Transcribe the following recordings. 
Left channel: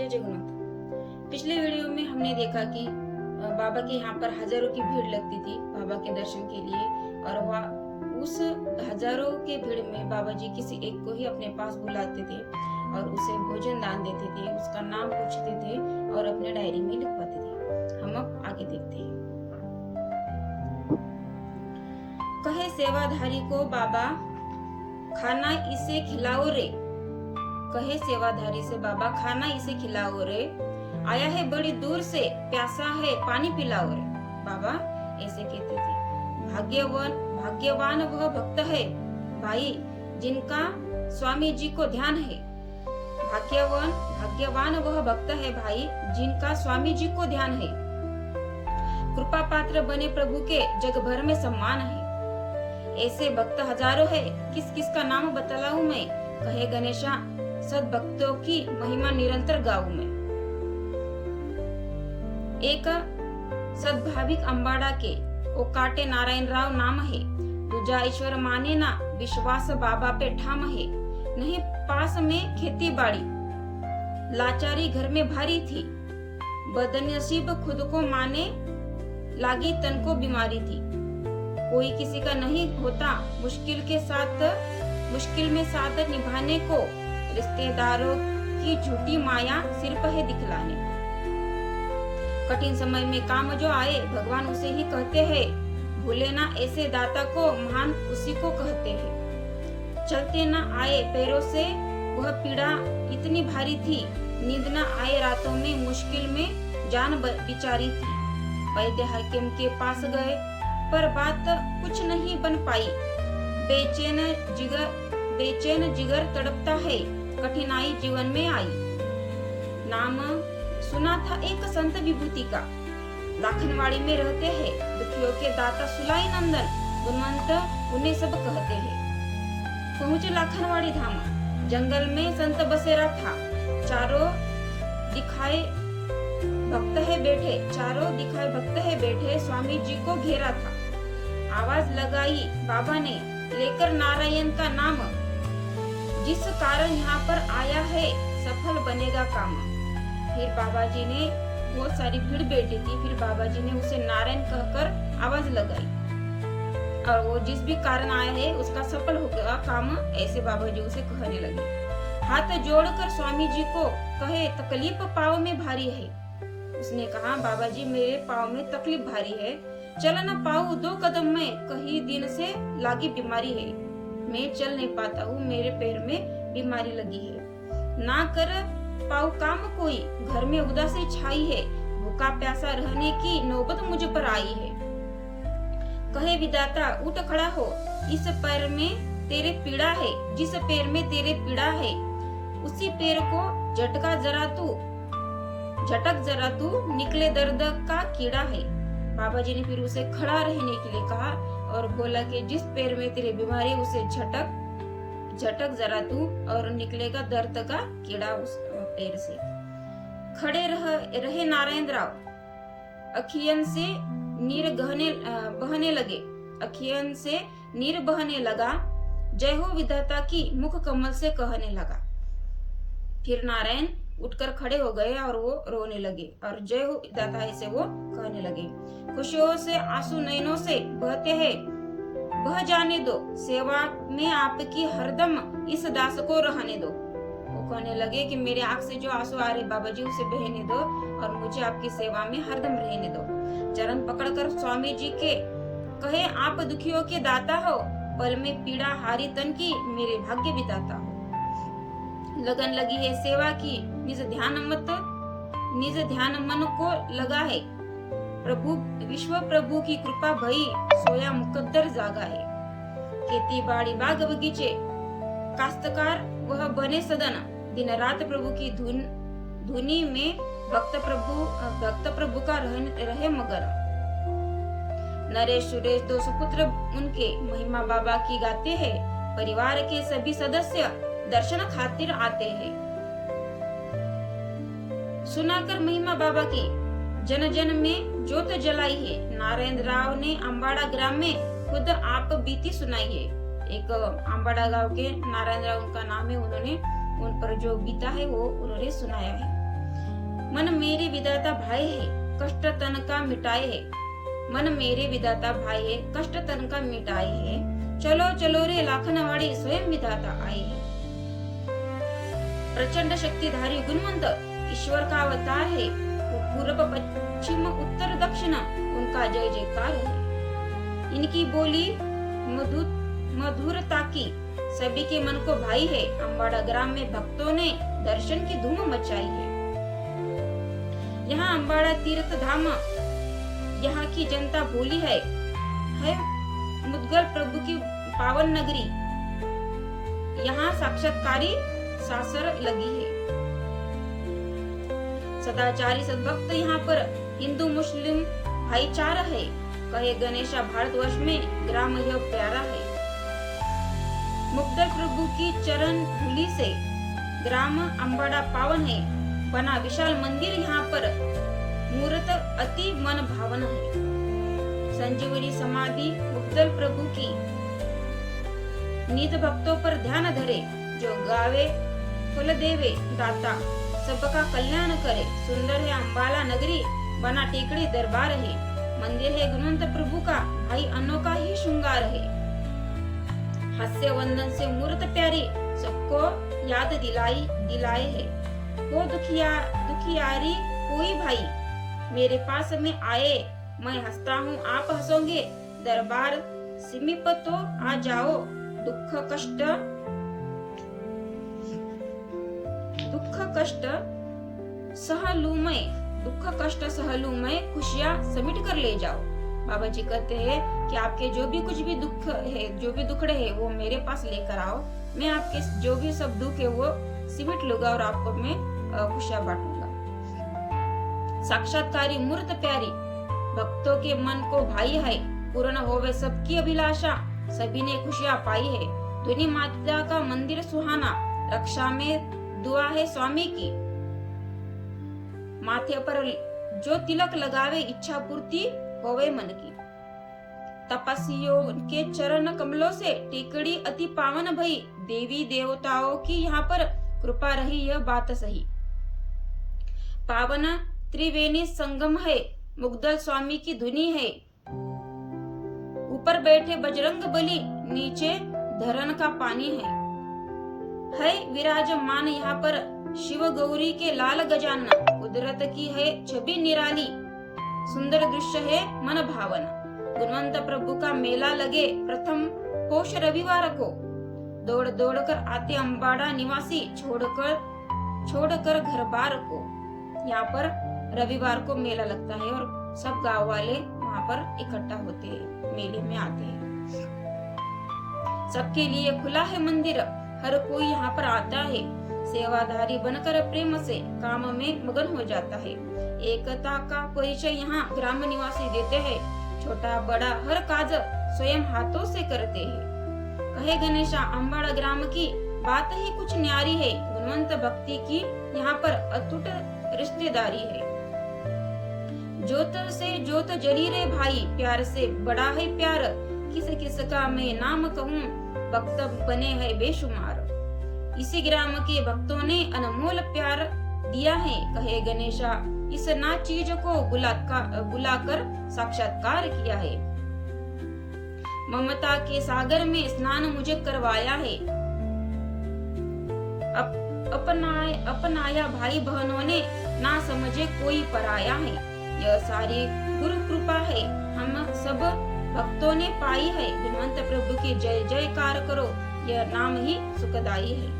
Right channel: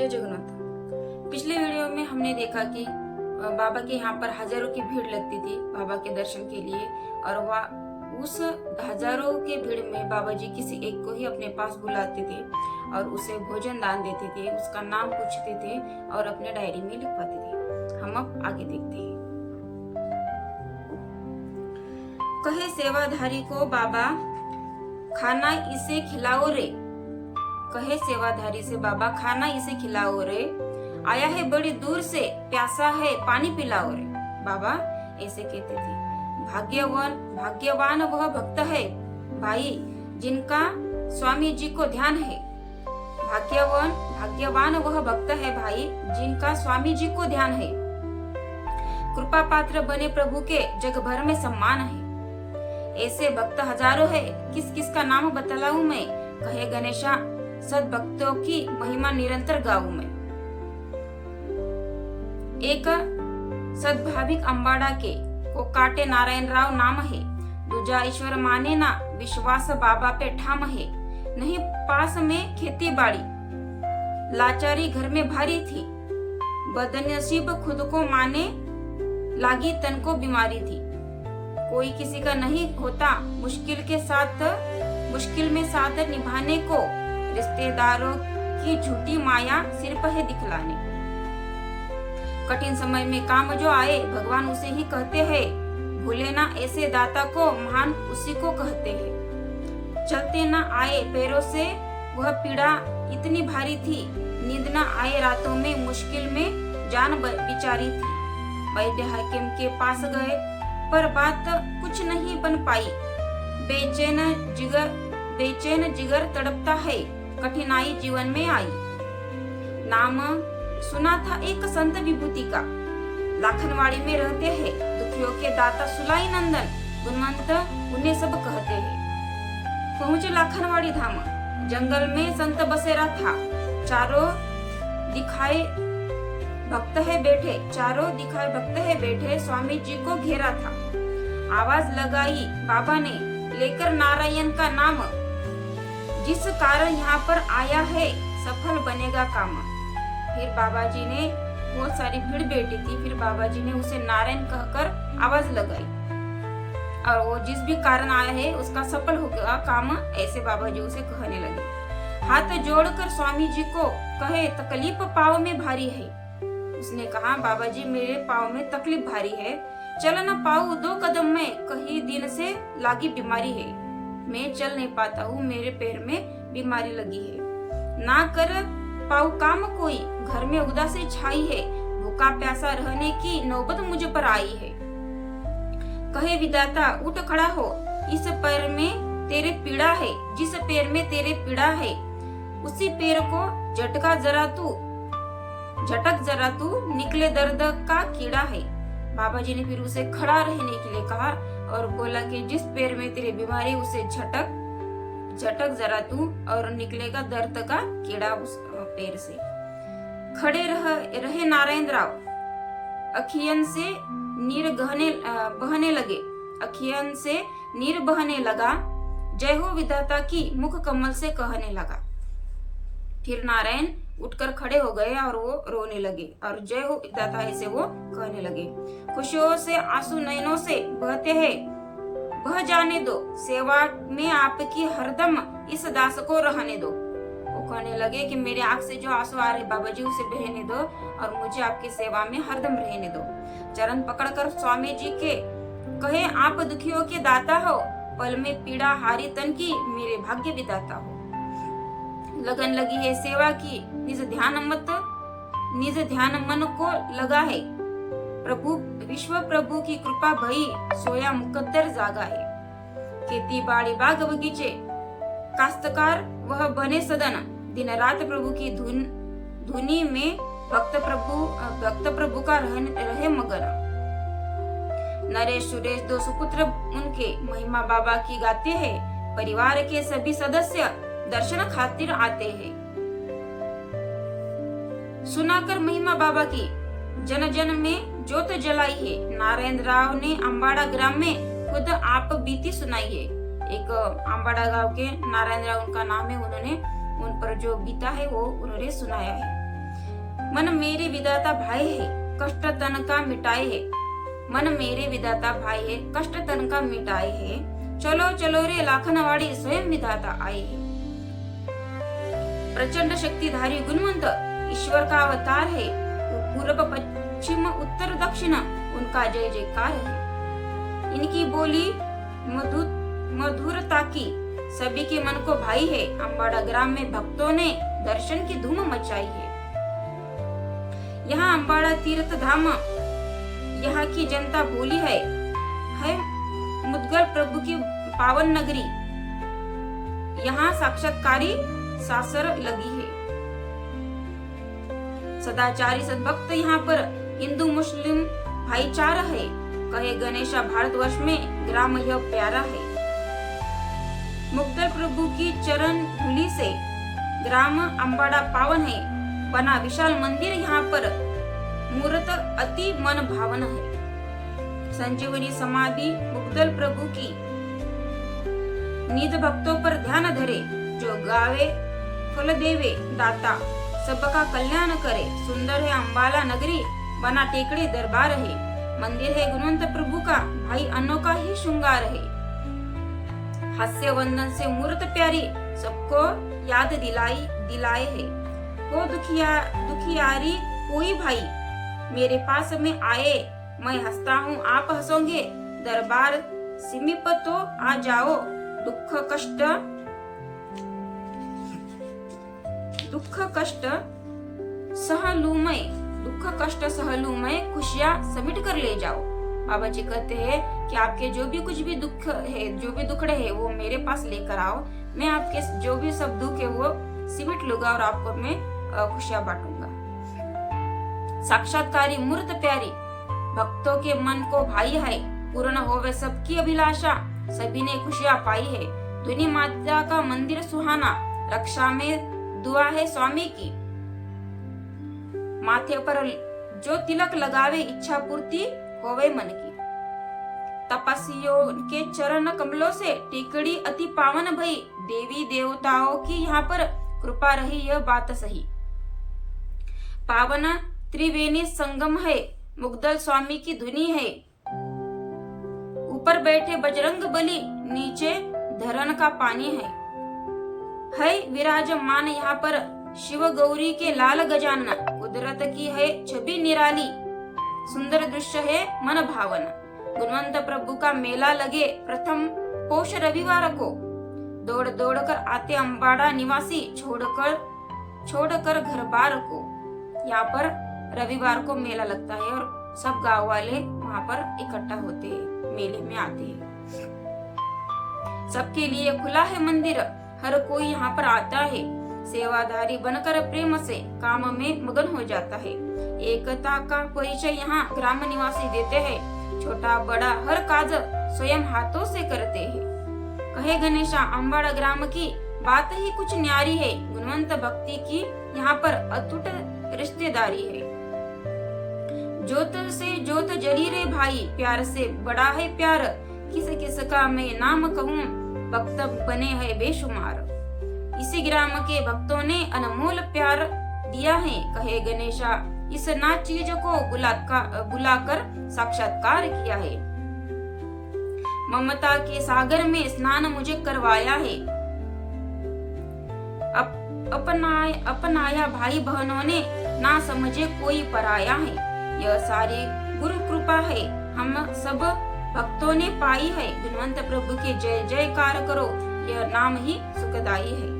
जय जगन्नाथ। पिछले वीडियो में हमने देखा कि बाबा के यहाँ पर हजारों की भीड़ लगती थी बाबा के दर्शन के लिए, और वह उस हजारों के भीड़ में बाबा जी किसी एक को ही अपने पास बुलाते थे और उसे भोजन दान देते थे, उसका नाम पूछते थे और अपने डायरी में लिखवाते थे। हम अब आगे देखते हैं। कहे सेवाधारी को बाबा खाना इसे खिलाओ रे, कहे सेवाधारी से बाबा खाना इसे खिलाओ रे, आया है बड़ी दूर से प्यासा है पानी पिलाओ रे। बाबा ऐसे कहते थे। भाग्यवान वह भक्त है भाई जिनका स्वामी जी को ध्यान है। भाग्यवान वह भक्त है भाई जिनका स्वामी जी को ध्यान है। कृपा पात्र बने प्रभु के जग भर में सम्मान है। ऐसे भक्त हजारों है, किस किस का नाम बतलाऊं मैं। कहे गणेशा सद्भक्तों की महिमा निरंतर गाऊं मैं। एक सद्भाविक अंबाड़ा के को काटे नारायण राव नाम है। दूजा ईश्वर माने ना विश्वास बाबा पे ठाम है। नहीं पास में खेती बाड़ी लाचारी घर में भारी थी। बदनसीब खुद को माने लागी तन को बीमारी थी। कोई किसी का नहीं होता मुश्किल में साथ निभाने को। रिश्तेदारों की झूठी माया सिर पर है दिखलाने। कठिन समय में काम जो आए भगवान उसे ही कहते हैं। भूले ना ऐसे दाता को महान उसी को कहते हैं। चलते ना आए पैरों से वह पीड़ा इतनी भारी थी। नींद न आए रातों में मुश्किल में जान बिचारी थी। वैद्य हाकिम के पास गए पर बात कुछ नहीं बन पाई। बेचैन जिगर तड़पता है कठिनाई जीवन में आई। नाम सुना था एक संत विभूति का, लाखनवाड़ी में रहते हैं। दुखियों के दाता सुलाई नंदन गुणवंत उन्हें सब कहते हैं। पहुंचे लाखनवाड़ी धाम, जंगल में संत बसेरा था। चारों दिखाए भक्त है बैठे स्वामी जी को घेरा था। आवाज लगाई बाबा ने लेकर नारायण का नाम, जिस कारण यहाँ पर आया है सफल बनेगा काम। फिर बाबा जी ने बहुत सारी भीड़ बैठी थी। फिर बाबा जी ने उसे नारायण कहकर आवाज लगाई और वो जिस भी कारण आया है उसका सफल होगा काम, ऐसे बाबा जी उसे कहने लगे। हाथ जोड़कर स्वामी जी को कहे तकलीफ पाँव में भारी है। उसने कहा बाबा जी मेरे पाँव में तकलीफ भारी है, चल न पाऊं 2 कदम में, कई दिन से लागी बीमारी है। मैं चल नहीं पाता हूँ, मेरे पैर में बीमारी लगी है। ना कर पाऊं काम कोई, घर में उदासी छाई है। भूखा प्यासा रहने की नौबत मुझे पर आई है। कहे विधाता उठ खड़ा हो, इस पैर में तेरे पीड़ा है। जिस पैर में तेरे पीड़ा है उसी पैर को झटक जरा तू निकले दर्द का कीड़ा है। बाबा जी ने फिर उसे खड़ा रहने के लिए कहा और बोला कि जिस पैर में तेरी बीमारी उसे झटक जरा तू और निकलेगा दर्द का कीड़ा उस पैर से। खड़े रहे नारायण राव, अखियन से नीर बहने लगा। जय हो विधाता की मुख कमल से कहने लगा। फिर नारायण उठकर खड़े हो गए और वो रोने लगे और जय हो विधाता ऐसे वो कहने लगे। खुशियों से आंसू नयनों से बहते हैं, बह जाने दो। सेवा में आपकी हरदम इस दास को रहने दो। वो कहने लगे कि मेरे आंख से जो आंसू आ रहे बाबा जी उसे बहने दो और मुझे आपकी सेवा में हरदम रहने दो। चरण पकड़कर स्वामी जी के कहे आप दुखियों के दाता हो, पल में पीड़ा हारी तन की मेरे भाग्य विधाता हो। लगन लगी है सेवा की, निज ध्यान मन को लगा है। विश्व प्रभु की कृपा भई, सोया मुकद्दर जागा है। खेती बाड़ी बाग बगीचे काश्तकार वह बने सदन। दिन रात प्रभु की धुनी में भक्त प्रभु का रहे मगन। नरेश सुरेश 2 सुपुत्र उनके महिमा बाबा की गाते हैं। परिवार के सभी सदस्य दर्शन खातिर आते हैं। सुनाकर महिमा बाबा की जन जन में ज्योत जलाई है। नारायण राव ने अंबाड़ा ग्राम में खुद आप बीती सुनाई है। एक अंबाड़ा गांव के नारायण राव उनका नाम है, उन्होंने उन पर जो बीता है वो उन्होंने सुनाया है। मन मेरे विधाता भाई है, कष्ट तन का मिटाए है। मन मेरे विधाता भाई है, कष्ट तन का मिटाए है। चलो चलो रे लाखनवाड़ी, स्वयं विधाता आए है। प्रचंड शक्तिधारी गुणवंत ईश्वर का अवतार है। पूर्व पश्चिम उत्तर दक्षिण उनका जय जयकार है। इनकी बोली मधुरता की सभी के मन को भाई है। अम्बाड़ा ग्राम में भक्तों ने दर्शन की धूम मचाई है। यहाँ अम्बाड़ा तीर्थ धाम, यहाँ की जनता भोली है मुद्गल प्रभु की पावन नगरी। यहाँ साक्षात्कारी सासर लगी है। सदाचारी सद्भक्त यहाँ पर हिंदू मुस्लिम भाईचारा है। कहे गणेशा भारतवर्ष में ग्राम यह प्यारा है। मुग्धल प्रभु की चरण धूलि से ग्राम अम्बाड़ा पावन है। बना विशाल मंदिर यहाँ पर मूर्त अति मन भावन है। संजीवनी समाधि मुग्धल प्रभु की निध भक्तों पर ध्यान धरे। जो गावे फल देवे दाता, सबका कल्याण करे। सुंदर है अम्बाला नगरी, बना टेकड़ी दरबार है। मंदिर है गुणवंत प्रभु का, भाई अनोखा ही श्रृंगार है। हास्य वंदन से मूर्त प्यारी, सबको याद दिलाए है। हो दुखियारी कोई भाई, मेरे पास में आए। मैं हंसता हूँ आप हंसोगे, दरबार समीप तो आ जाओ। दुख कष्ट सह लूं मैं, खुशियाँ समेट कर ले जाओ। बाबा जी कहते हैं कि आपके जो भी कुछ भी दुख है, जो भी दुखड़े है, वो मेरे पास लेकर आओ। मैं आपके जो भी सब दुख है वो सिमट लूंगा और आपको मैं खुशियाँ बांटूंगा। साक्षात्कारी मूर्त प्यारी, भक्तों के मन को भाई है। पूर्ण होवे सबकी अभिलाषा, सभी ने खुशियाँ पाई है। धुनी माता का मंदिर सुहाना, रक्षा में दुआ है स्वामी की। माथे पर जो तिलक लगावे, इच्छा पूर्ति होवे मन की। तपस्वियों के चरण कमलों से टेकड़ी अति पावन भई। देवी देवताओं की यहाँ पर कृपा रही, यह बात सही। पावन त्रिवेणी संगम है, मुग्धल स्वामी की धुनी है। ऊपर बैठे बजरंग बली, नीचे धरन का पानी है विराजमान यहाँ पर शिव गौरी के लाल गजानन। कुदरत की है छवि निराली, सुंदर दृश्य है मन भावन। गुणवंत प्रभु का मेला लगे प्रथम पौष रविवार को। दौड़ दौड़ कर आते अम्बाड़ा निवासी, छोड़कर घर बार को। यहाँ पर रविवार को मेला लगता है और सब गांव वाले वहाँ पर इकट्ठा होते हैं, मेले में आते हैं। सबके लिए खुला है मंदिर, हर कोई यहाँ पर आता है। सेवाधारी बनकर प्रेम से काम में मगन हो जाता है। एकता का परिचय यहाँ ग्राम निवासी देते हैं। छोटा बड़ा हर काज स्वयं हाथों से करते हैं। कहे गणेशा अम्बाड़ा ग्राम की बात ही कुछ न्यारी है। गुणवंत भक्ति की यहाँ पर अटूट रिश्तेदारी है। जोत से जोत जली रे भाई, प्यार से बड़ा है प्यार। किस किस का मैं नाम कहूँ, भक्त बने हैं बेशुमार। इसी ग्राम के भक्तों ने अनमोल प्यार दिया है। कहे गणेशा इस ना चीज को बुलाकर साक्षात्कार किया है। ममता के सागर में स्नान मुझे करवाया है। अपनाया भाई बहनों ने, ना समझे कोई पराया है। यह सारी गुरु कृपा है, हम सब भक्तों ने पाई है। गुणवंत प्रभु के जय जयकार करो, यह नाम ही सुखदाई है।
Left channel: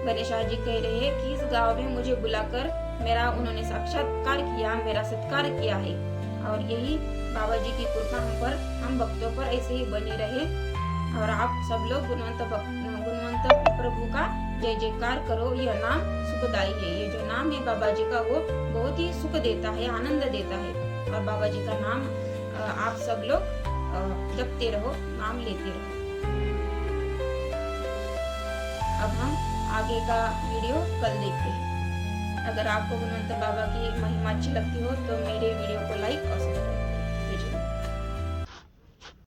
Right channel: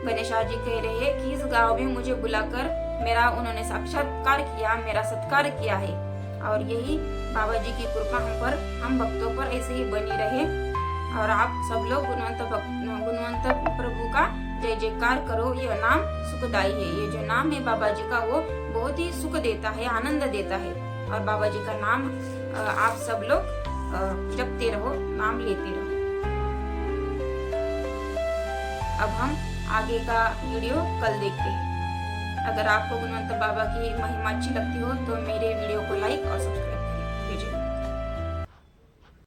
गणेशा जी कह रहे हैं कि इस गांव में मुझे बुलाकर उन्होंने साक्षात्कार किया, मेरा सत्कार किया है। और यही बाबा जी की कृपा हम भक्तों पर ऐसे ही बनी रहे। और आप सब लोग गुणवंत प्रभु का जय जयकार करो, यह नाम सुखदाई है। ये जो नाम है बाबा जी का, वो बहुत ही सुख देता है, आनंद देता है। और बाबा जी का नाम आप सब लोग जपते रहो, नाम लेते रहो। अब हम आगे का वीडियो कल देखते हैं। अगर आपको गुणवंत बाबा की महिमा अच्छी लगती हो तो मेरे वीडियो को लाइक और सब्सक्राइब